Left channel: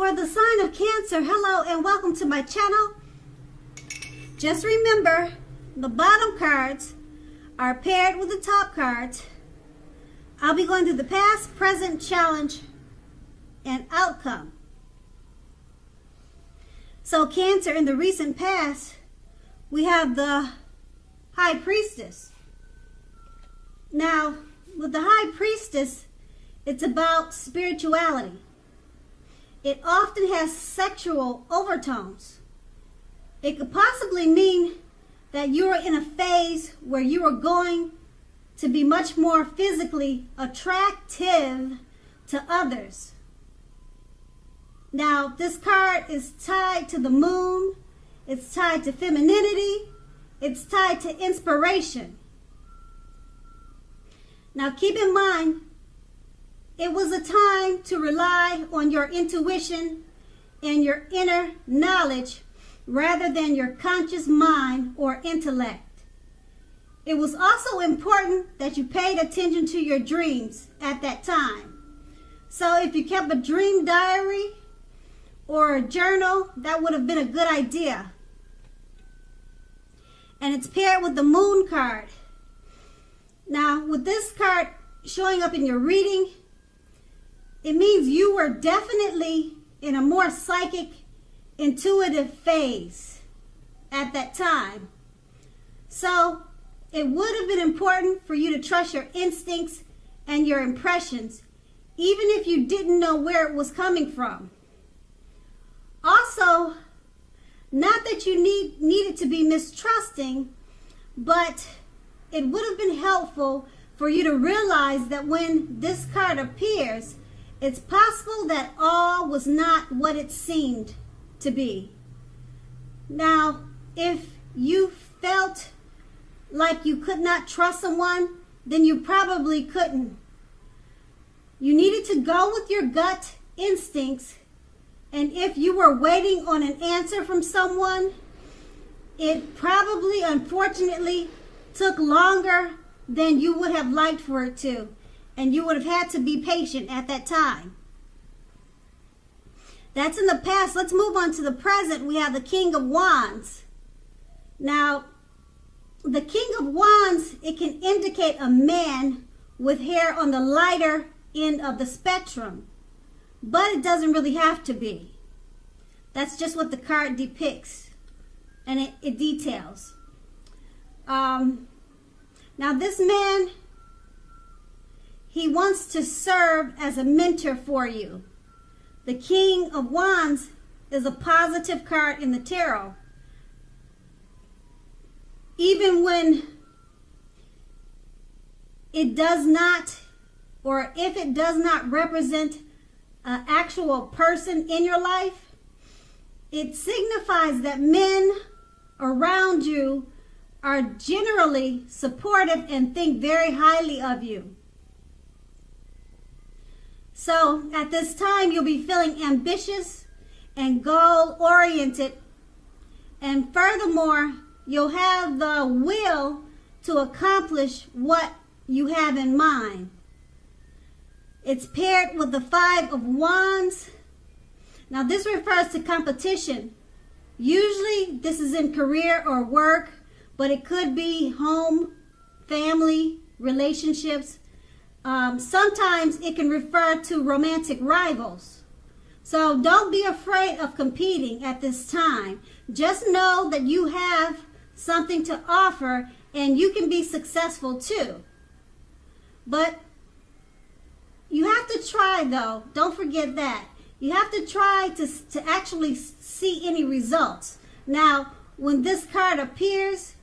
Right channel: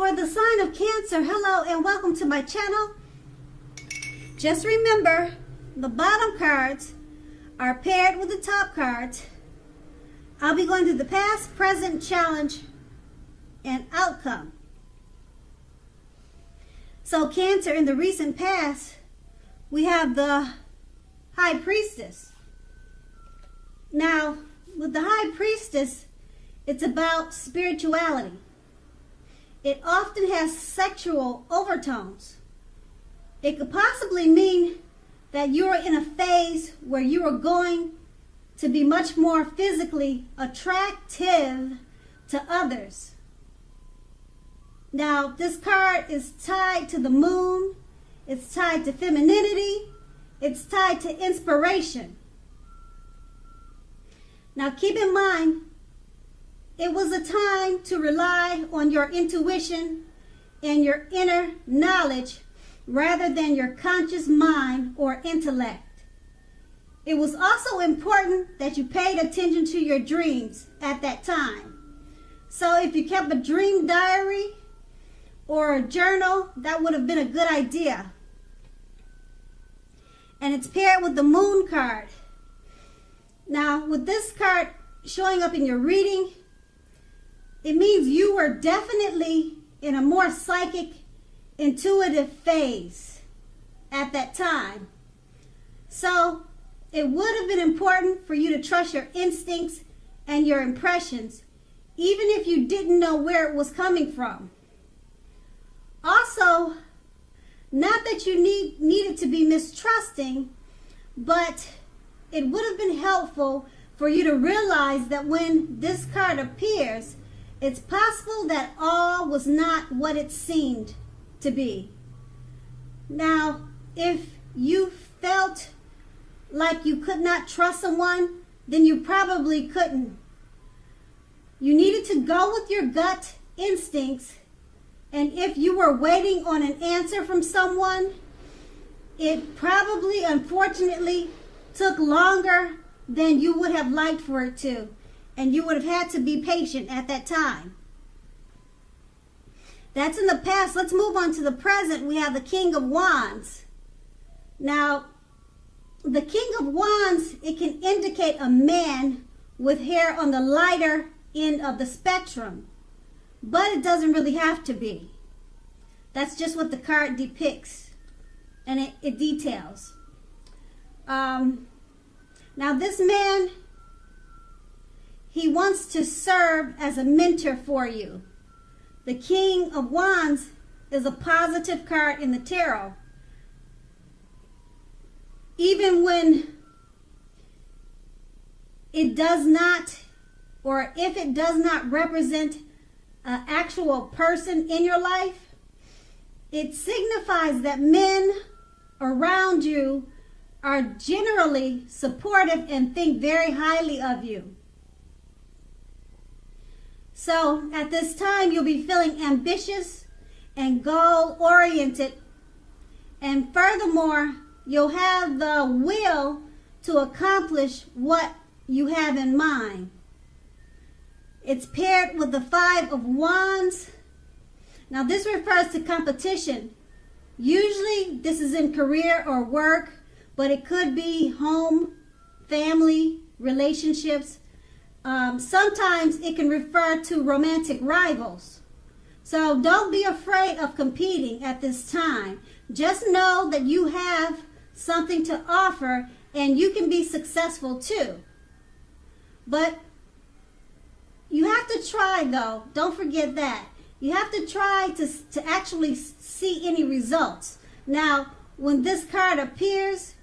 For the sign of Cancer, hello and welcome to my channel. Just remember, the bottom cards are paired with the top cards. I'll be going through the past, present, challenge, and outcome. So Cancer, in the recent past, we have the High Priestess. Now, with the High Priestess, it's about spirituality. It often has sexual overtones. It could possibly mean that you are in a phase where you are going to be much more physically attractive to others. Now, this card is tied to the moon. It's tied to femininity. It's tied to inspiration. Now, keep in mind, it was a time to rely on your intuition and your inner knowledge rather than your conscious mind or intellect. It was also important that you paid attention to your dreams at that time. So if you kept a dream diary or a journal, that would have been a good idea. And it's paired with the moon card. Now, with this card showing up in your reading, it means you were definitely in a more psychic, intuitive phase at that time. So it would have been important for you to trust your instincts and your impressions, even if you didn't know where it was coming from. Also, not that you needed to be mistrusting, but it would have been helpful for you to realize that when this card appears, it's possible that all was not what it seemed to be. Now, if you felt like you could not trust someone, then you probably couldn't. You needed to go with your gut instincts, and if you were waiting on an answer from someone, it probably, unfortunately, took longer than you would have liked for it to. And you would have had to be patient at that time. That's in the past. Let's move on to the present. We have the King of Wands. Now, the King of Wands, it can indicate a man with hair on the lighter end of the spectrum. But it doesn't really have to be. That's just what the card depicts. And it details. Now, this man, he wants to serve as a mentor for you. The King of Wands is a positive card in the tarot. Even when it does not, or if it does not represent an actual person in your life, it signifies that men around you are generally supportive and think very highly of you. So at this time, you'll be feeling ambitious and goal-oriented. And furthermore, you'll have the will to accomplish what you have in mind. It's paired with the Five of Wands. Now, this refers to competition. Usually, this is in career or work, but it could be home, family, relationships. Sometimes it can refer to romantic rivals. So don't be afraid of competing at this time. Just know that you have something to offer and you can be successful too. But you have to try, though. Don't forget that. You have to try to actually see any results. Now, when this card appears,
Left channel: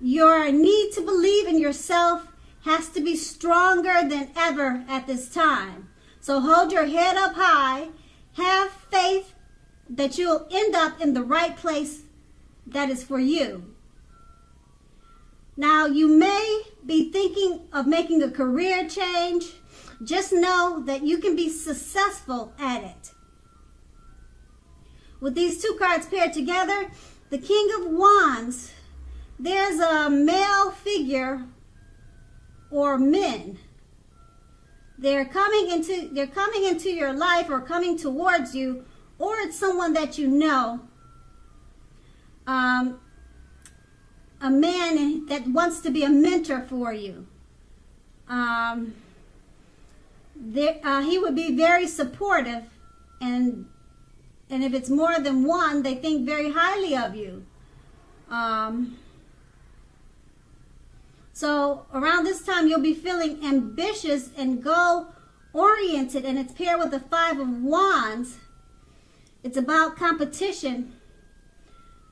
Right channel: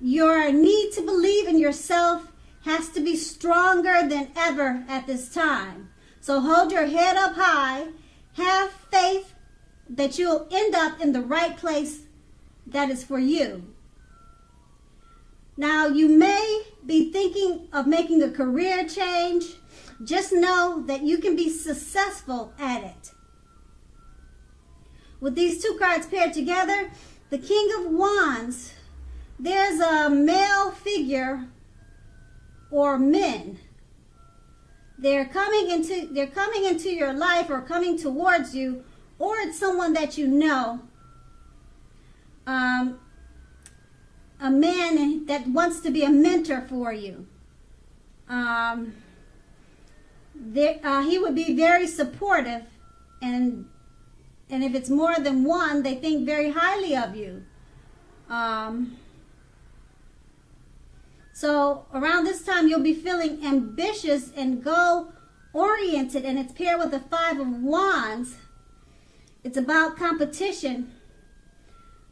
your need to believe in yourself has to be stronger than ever at this time. So hold your head up high. Have faith that you'll end up in the right place that is for you. Now, you may be thinking of making a career change. Just know that you can be successful at it. With these two cards paired together, the King of Wands, there's a male figure or men. They're coming into your life or coming towards you or it's someone that you know. A man that wants to be a mentor for you. He would be very supportive, and if it's more than one, they think very highly of you. So around this time, you'll be feeling ambitious and goal-oriented, and it's paired with the Five of Wands. It's about competition.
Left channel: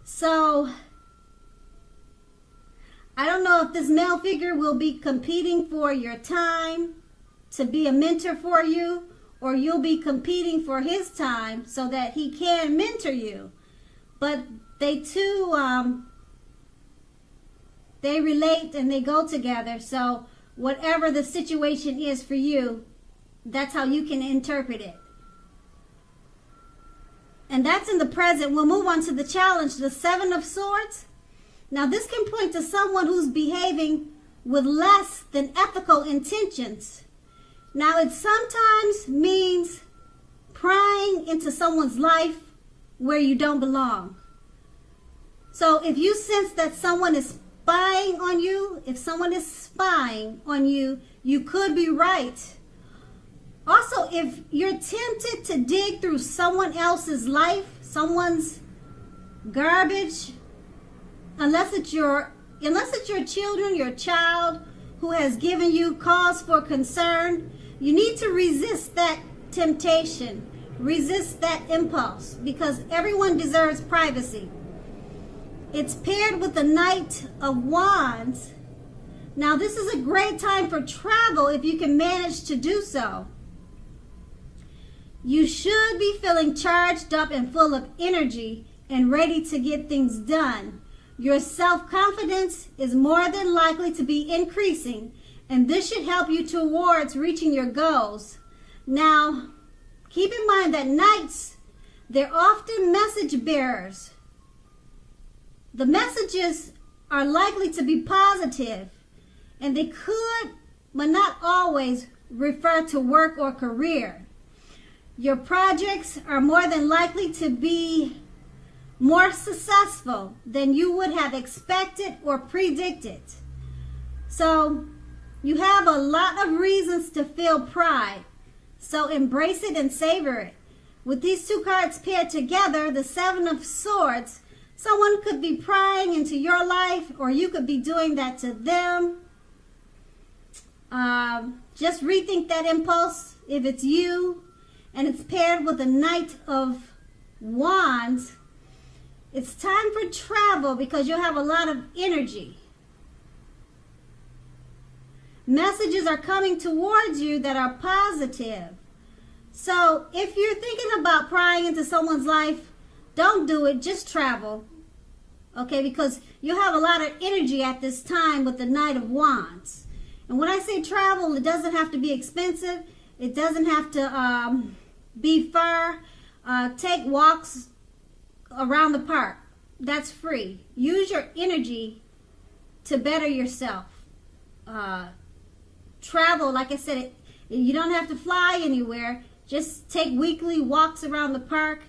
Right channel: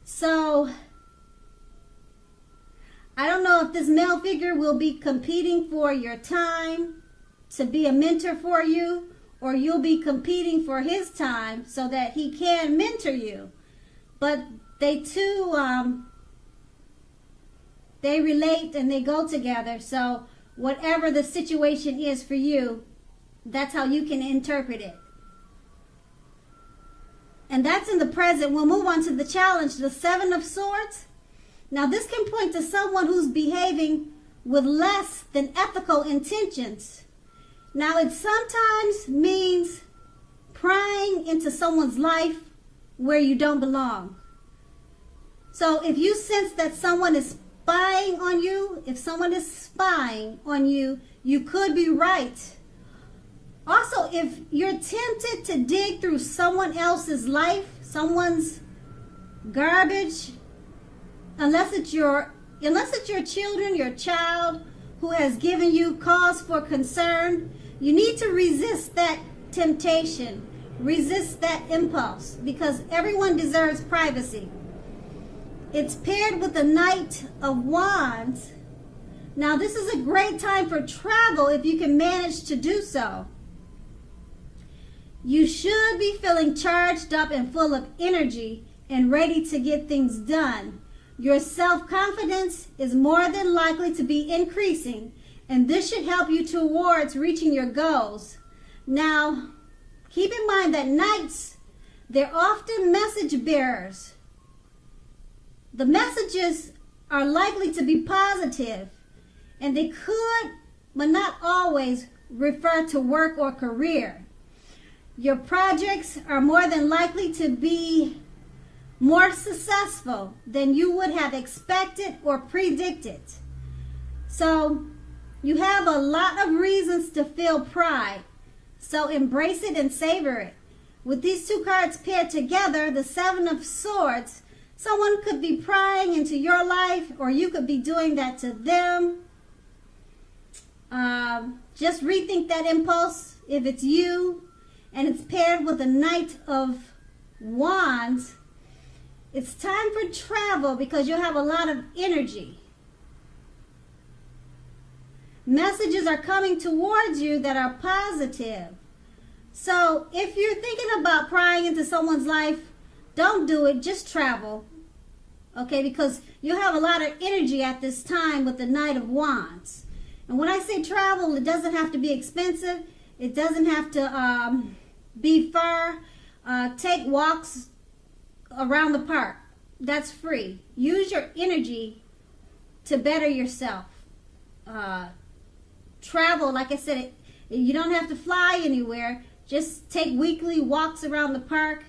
So I don't know if this male figure will be competing for your time to be a mentor for you, or you'll be competing for his time so that he can mentor you. But they too, they relate and they go together. So whatever the situation is for you, that's how you can interpret it. And that's in the present. We'll move on to the challenge, the Seven of Swords. Now this can point to someone who's behaving with less than ethical intentions. Now it sometimes means prying into someone's life where you don't belong. So if you sense that someone is spying on you, if someone is spying on you, you could be right. Also, if you're tempted to dig through someone else's life, someone's garbage, unless it's your children, your child who has given you cause for concern, you need to resist that temptation, resist that impulse, because everyone deserves privacy. It's paired with the Knight of Wands. Now, this is a great time for travel if you can manage to do so. You should be feeling charged up and full of energy and ready to get things done. Your self-confidence is more than likely to be increasing, and this should help you towards reaching your goals. Now, keep in mind that knights, they're often message bearers. The messages are likely to be positive, and they could, but not always, refer to work or career. Your projects are more than likely to be more successful than you would have expected or predicted. So you have a lot of reasons to feel pride. So embrace it and savor it. With these two cards paired together, the Seven of Swords, someone could be prying into your life, or you could be doing that to them. Just rethink that impulse if it's you. And it's paired with the Knight of Wands. It's time for travel because you'll have a lot of energy. Messages are coming towards you that are positive. So if you're thinking about prying into someone's life, don't do it. Just travel. Okay, because you have a lot of energy at this time with the Knight of Wands. And when I say travel, it doesn't have to be expensive. It doesn't have to be far. Take walks around the park. That's free. Use your energy to better yourself. Travel, like I said, you don't have to fly anywhere. Just take weekly walks around the park.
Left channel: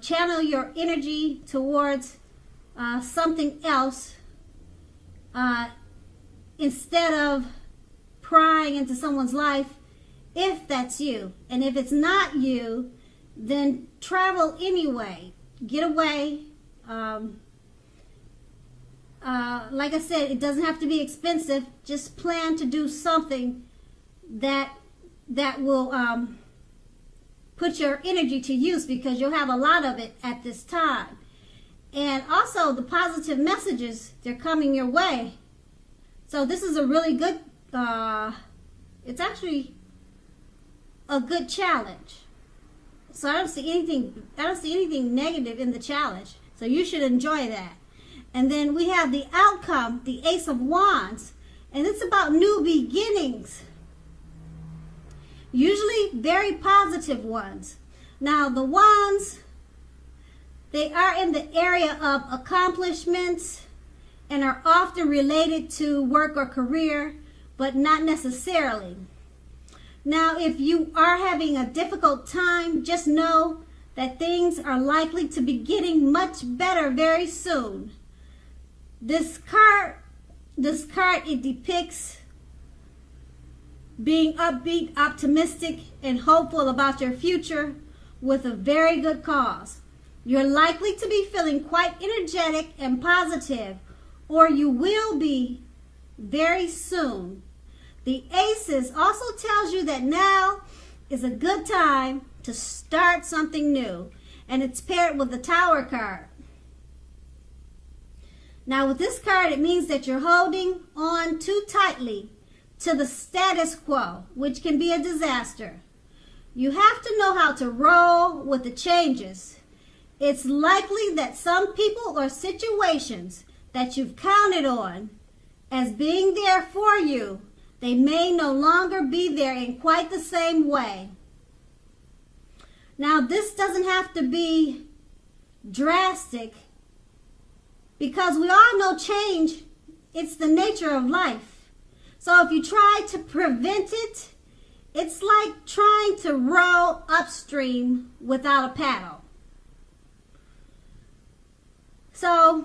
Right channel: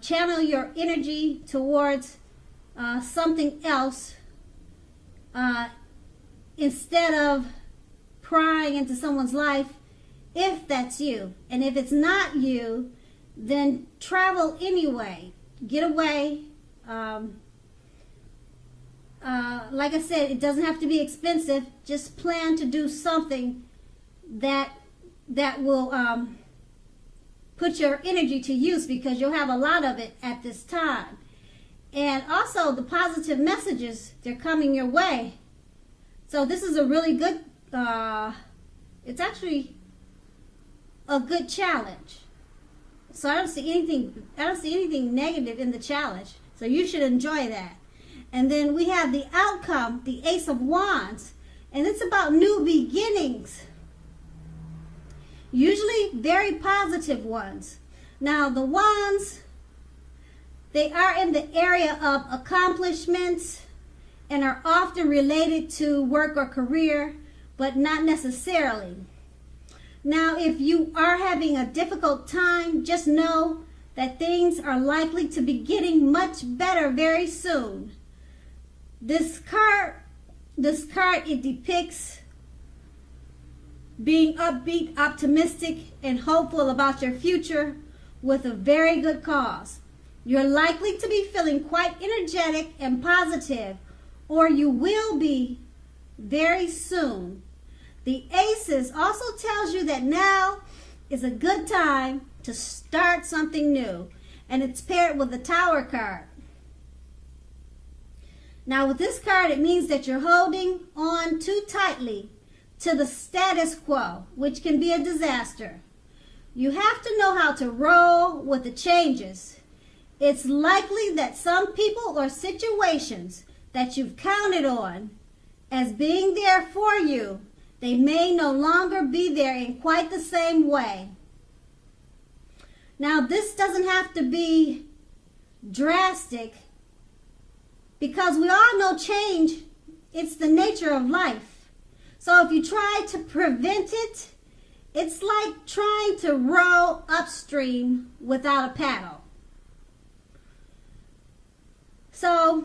Channel your energy towards something else instead of prying into someone's life, if that's you. And if it's not you, then travel anyway. Get away. Like I said, it doesn't have to be expensive. Just plan to do something that will put your energy to use, because you'll have a lot of it at this time. And also the positive messages, they're coming your way. So this is a really good, it's actually a good challenge. So I don't see anything negative in the challenge. So you should enjoy that. And then we have the outcome, the Ace of Wands, and it's about new beginnings. Usually very positive ones. Now the wands, they are in the area of accomplishments and are often related to work or career, but not necessarily. Now, if you are having a difficult time, just know that things are likely to be getting much better very soon. This card, it depicts being upbeat, optimistic, and hopeful about your future with a very good cause. You're likely to be feeling quite energetic and positive, or you will be very soon. The Aces also tells you that now is a good time to start something new, and it's paired with the Tower card. Now with this card, it means that you're holding on too tightly to the status quo, which can be a disaster. You have to know how to roll with the changes. It's likely that some people or situations that you've counted on as being there for you, they may no longer be there in quite the same way. Now, this doesn't have to be drastic, because we all know change, it's the nature of life. So if you try to prevent it, it's like trying to row upstream without a paddle. So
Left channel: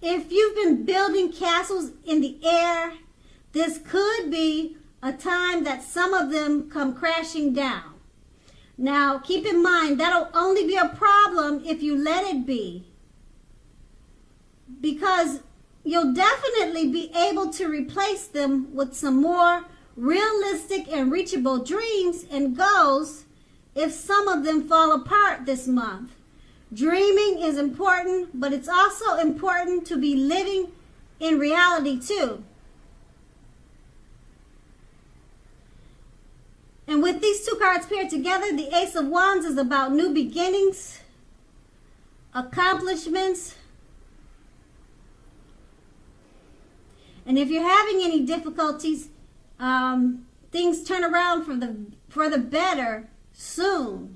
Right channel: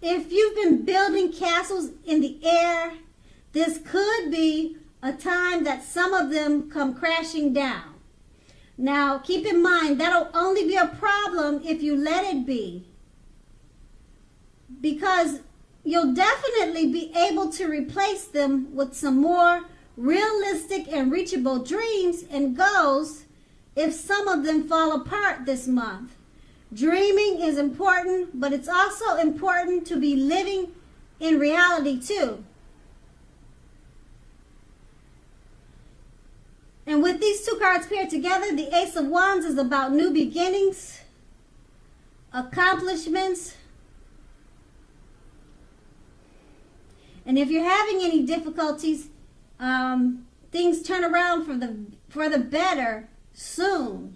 if you've been building castles in the air, this could be a time that some of them come crashing down. Now, keep in mind, that'll only be a problem if you let it be, because you'll definitely be able to replace them with some more realistic and reachable dreams and goals if some of them fall apart this month. Dreaming is important, but it's also important to be living in reality too. And with these two cards paired together, the Ace of Wands is about new beginnings, accomplishments. And if you're having any difficulties, things turn around for the better soon.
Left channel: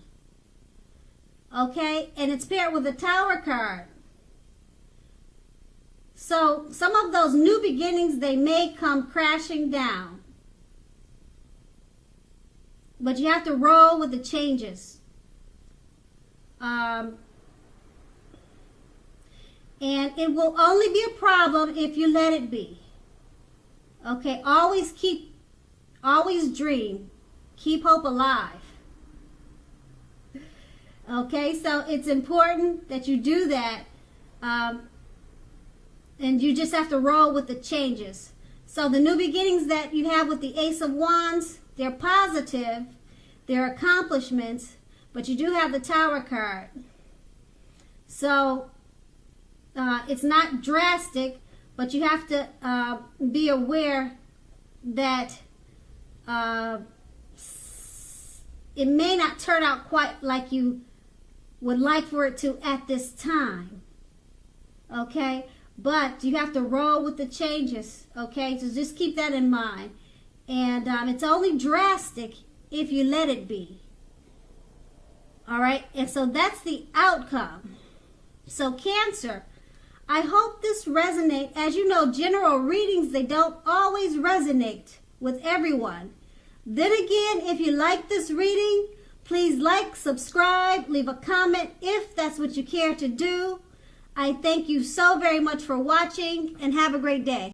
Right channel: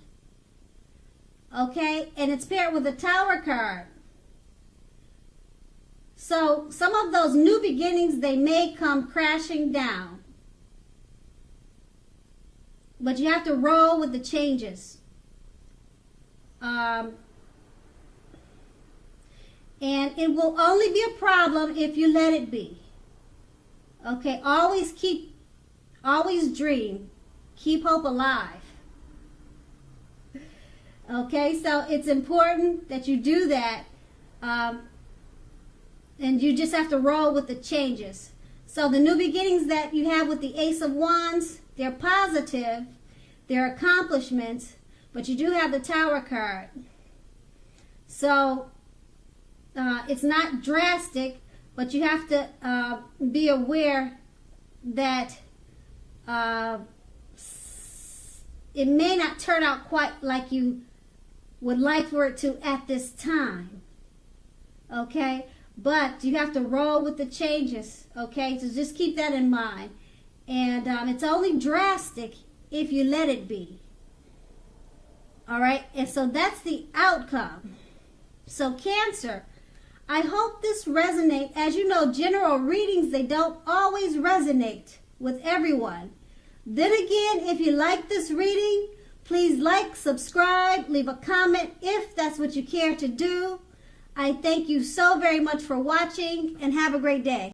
Okay? And it's paired with the Tower card. So some of those new beginnings, they may come crashing down. But you have to roll with the changes. And it will only be a problem if you let it be. Okay, always dream. Keep hope alive. Okay, so it's important that you do that. And you just have to roll with the changes. So the new beginnings that you have with the Ace of Wands, they're positive, they're accomplishments, but you do have the Tower card. So it's not drastic, but you have to be aware that it may not turn out quite like you would like for it to at this time. Okay? But you have to roll with the changes. Okay? So just keep that in mind. And it's only drastic if you let it be. All right? And so that's the outcome. So Cancer, I hope this resonates. As you know, general readings, they don't always resonate with everyone. Then again, if you like this reading, please like, subscribe, leave a comment if that's what you care to do. I thank you so very much for watching, and have a great day.